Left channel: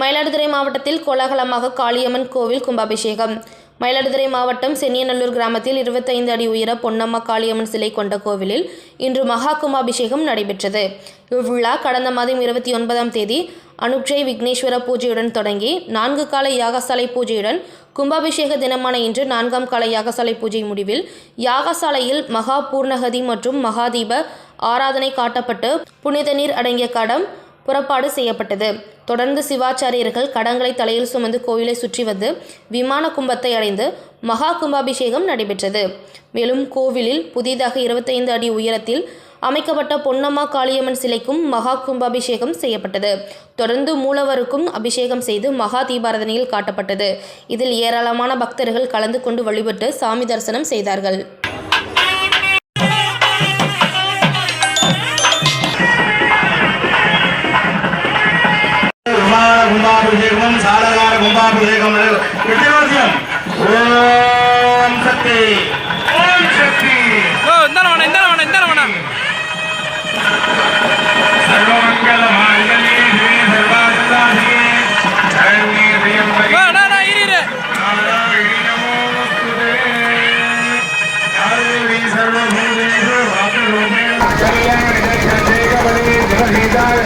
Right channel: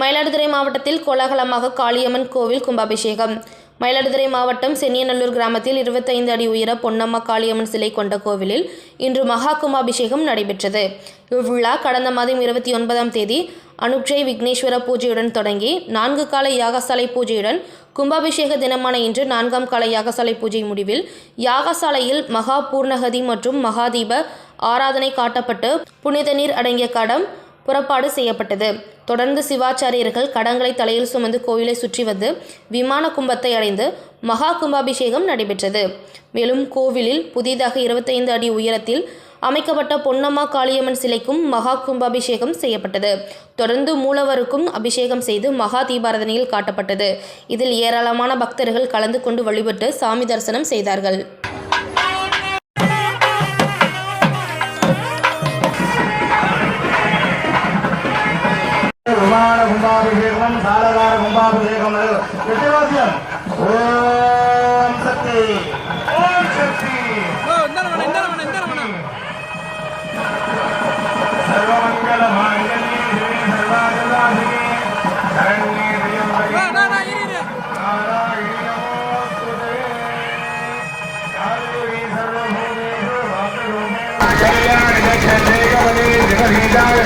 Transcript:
மயிலாடுதுறை மாவட்டத்தில் கோலாகலமாக காளியம்மன் கோவில் கும்பாபிஷேகம். மயிலாடுதுறை மாவட்டம் சென்னியநல்லூர் கிராமத்தில் இருபத்தைந்து அடி உயர பொன்னம்மா காளியம்மன் சிலை கொண்ட கோவிலில் இன்று மகா கும்பாபிஷேகம் நடைபெற்றது. இவ்விழா கடந்த மாதம் இருபத்தி ஒன்பதாம் தேதி அனுட்சை விக்னேஸ்வர பூஜையுடன் தொடங்கி நான்கு கால யாகசாலை பூஜையுடன் கும்பாபிஷேக தினமான இன்று நான்காம் கால யாகசாலை பூஜை முடிவில் யாகசாலையில் மகா பூர்ணகதி மற்றும் மகாதீப ஆராதனை காட்டப்பட்டு புனித நீர் அடங்கிய கடம் புறப்பாடு செய்யப்பட்டது. தொடர்ந்து சிவாச்சாரியர்கள் கடங்களை தலையில் சுமந்து கோயிலை சுற்றி வந்து விமான கும்பத்தை அடைந்து மகா கும்பாபிஷேகம் நடைபெற்றது. மேலும் கோவிலில் புதிதாக இருபத்தைந்து அடி உயரத்தில் அமைக்கப்பட்ட பொன்னம்மா காளியம்மன் சிலைக்கும் மகா கும்பாபிஷேகம் செய்யப்பட்டது. தொடர்ந்து மூலவருக்கும் அபிஷேகம் செய்து மகா தீபாரதனையில் காட்டப்பட்டது. இதில் ஏராளமான பக்தர்கள் கலந்து கொண்டு வழிபட்டு சாமி தரிசனம் செய்தார்கள். வித்தியாசம் ஓம் சக்தி. ஓம் சக்தி. ஓ சர்வமங்கல மாங்கல்யே சரண்யே இரு கல்யாண ஜெகதீதாய அஷ்டாவரேனோபரே பவ